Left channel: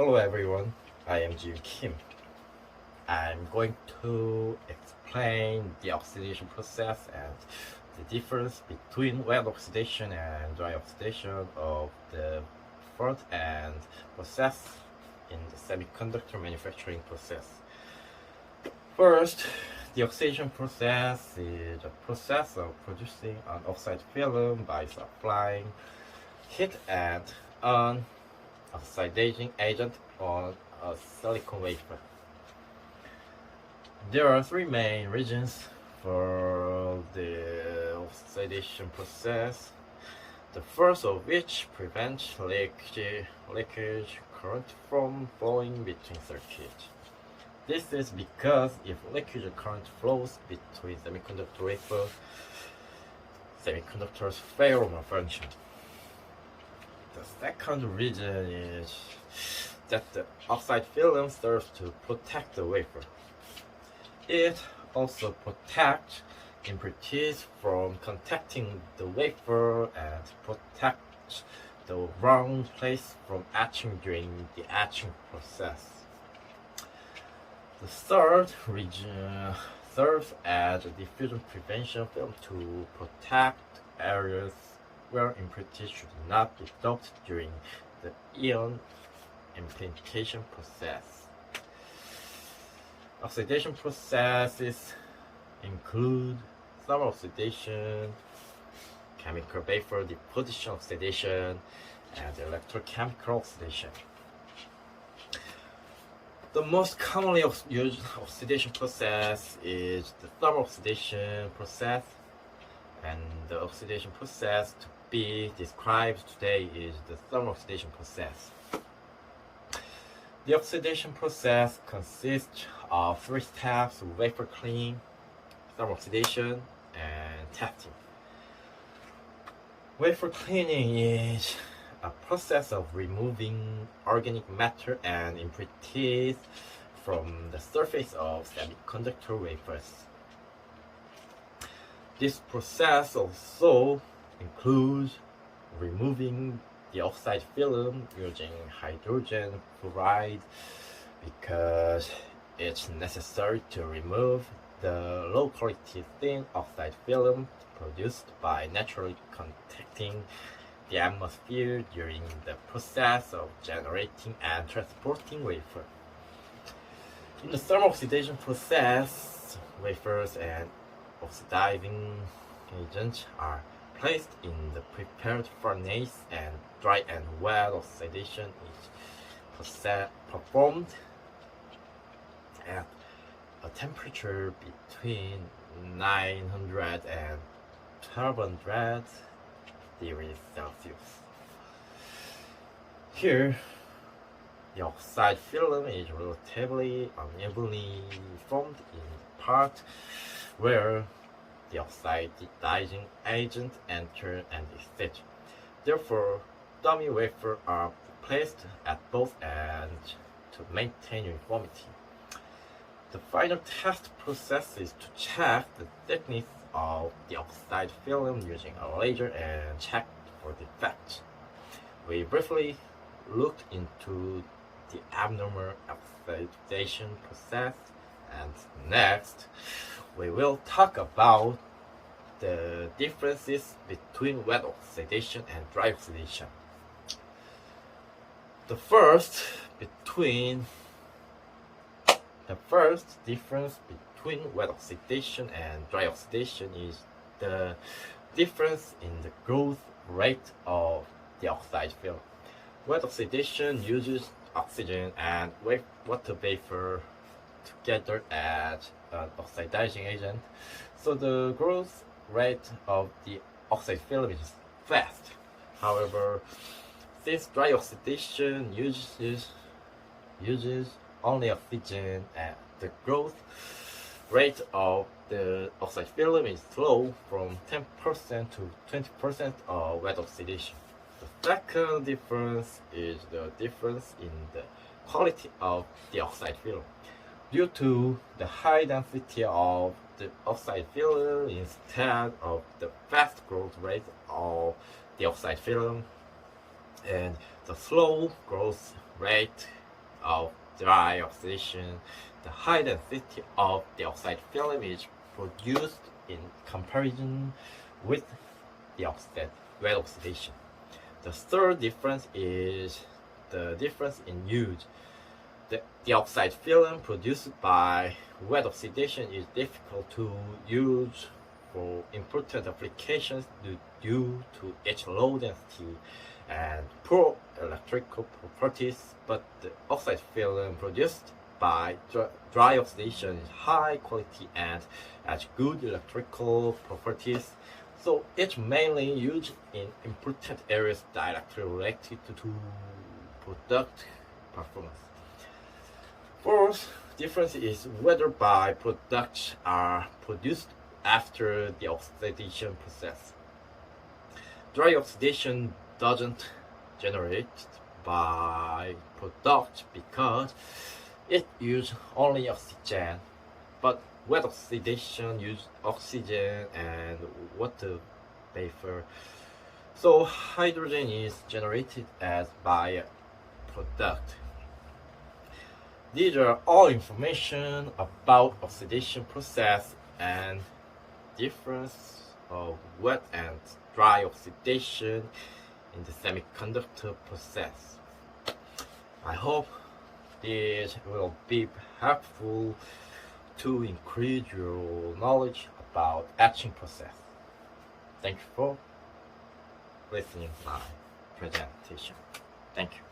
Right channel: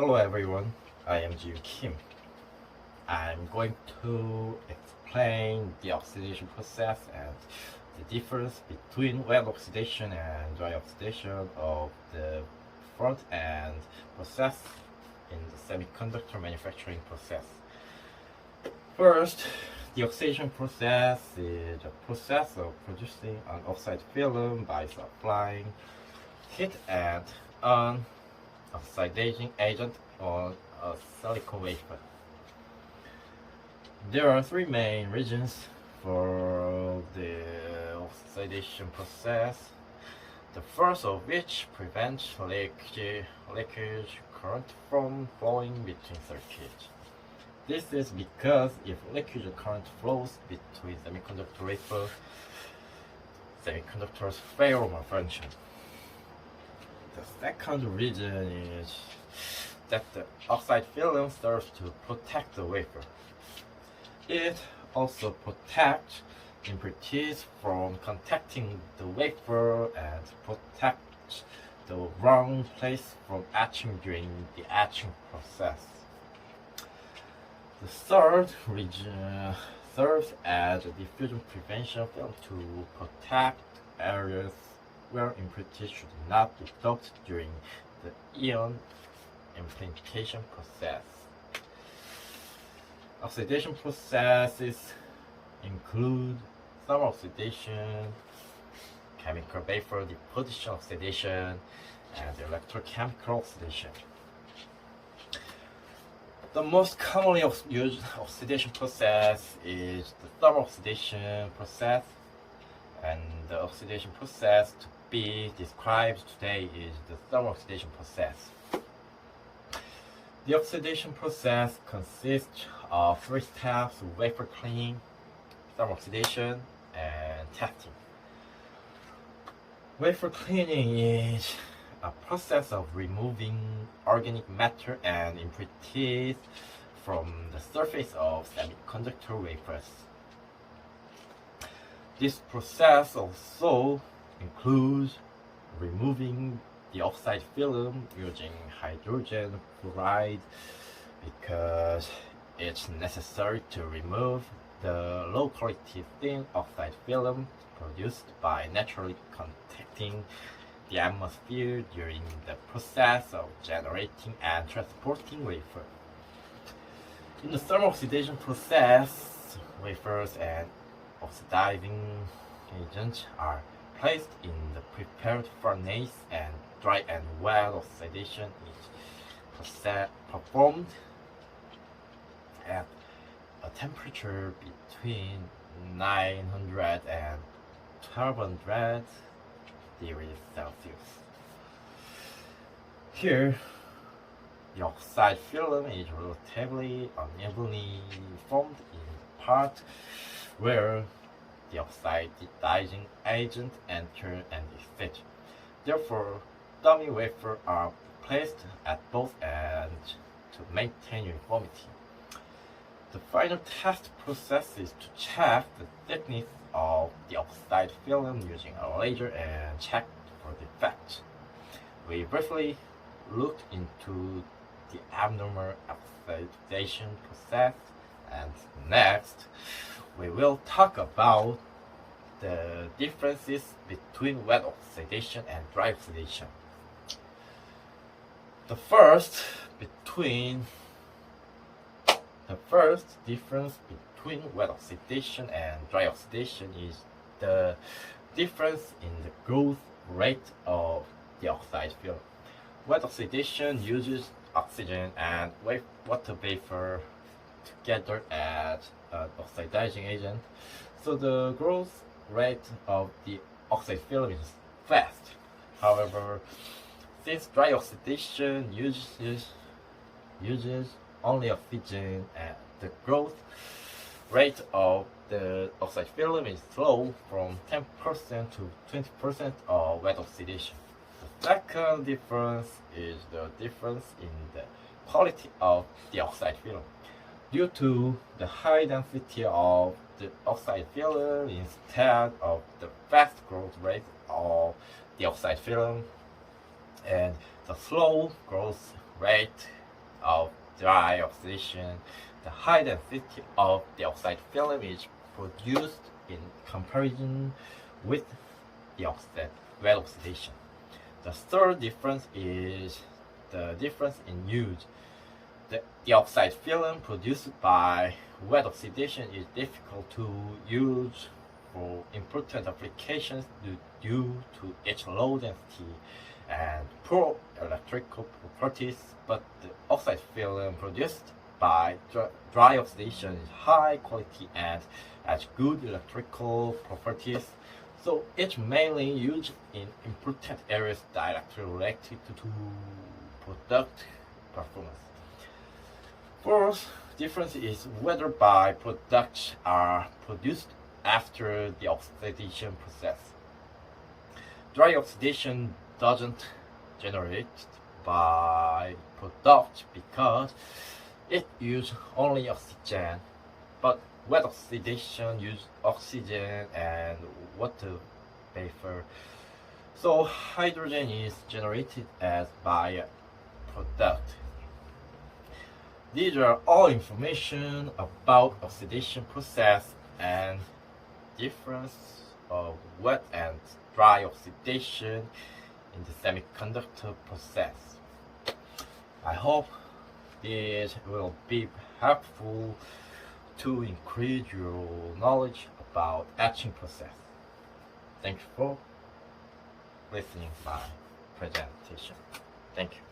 Hello everyone, I am Jim Kim. I'm going to explain the oxidation process and the difference between wet oxidation and dry oxidation of the front end process in the semiconductor manufacturing process. First, the oxidation process is a process of producing an oxide film by supplying heat and an oxidizing agent on a silicon wafer. There are three main reasons for the oxidation process. The first of which prevents leakage current from flowing between circuits. This is because if leakage current flows between semiconductor wafers, semiconductors fail to malfunction. The second reason is that the oxide film serves to protect the wafer. It also protects impurities from contacting the wafer and protects the wrong place from etching during the etching process. The third reason serves as a diffusion prevention film to protect areas where impurities should not be dumped during the ion implantation process. Oxidation processes include thermal oxidation, chemical vapor deposition oxidation, and electrochemical oxidation. The most commonly used oxidation process is the thermal oxidation process, and the oxidation process to be described today is the thermal oxidation process. The oxidation process consists of three steps: wafer cleaning, thermal oxidation, and testing. Wafer cleaning is a process of removing organic matter and impurities from the surface of semiconductor wafers. This process also includes removing the oxide film using hydrogen fluoride because it's necessary to remove the low quality thin oxide film produced by naturally contacting the atmosphere during the process of generating and transporting wafer. In the thermal oxidation process, wafers and oxidizing agents are placed in the prepared furnace, and dry and wet oxidation is performed at a temperature between 900 and 1200 degrees Celsius. Here, the oxide film is relatively unevenly formed in part where the oxidizing agent enters and exits. Therefore, dummy wafers are placed at both ends to maintain uniformity. The final test process is to check the thickness of the oxide film using a laser and check for defects. We briefly looked into the abnormal oxidation process, and next we will talk about the differences between wet oxidation and dry oxidation. The first difference between wet oxidation and dry oxidation is the difference in the growth rate of the oxide film. Wet oxidation uses oxygen and water vapor together as an oxidizing agent, so the growth rate of the oxide film is fast. However, since dry oxidation uses only oxygen, and the growth rate of the oxide film is slow, from 10% to 20% of wet oxidation. The second difference is the difference in the quality of the oxide film. Due to the high density of the oxide film instead of the fast growth rate of the oxide film and the slow growth rate of dry oxidation, the high density of the oxide film is produced in comparison with the wet oxidation. The third difference is the difference in use. The oxide film produced by wet oxidation is difficult to use for important applications due to its low density and poor electrical properties, but the oxide film produced by dry oxidation is high quality and has good electrical properties, so it's mainly used in important areas directly related to product performance. Fourth difference is whether byproducts are produced after the oxidation process. Dry oxidation doesn't generate byproducts because it uses only oxygen, but wet oxidation uses oxygen and water vapor, so hydrogen is generated as byproduct. These are all information about oxidation process and difference of wet and dry oxidation in the semiconductor process. I hope this will be helpful to increase your knowledge about etching process. Thank you for listening to my presentation. Thank you.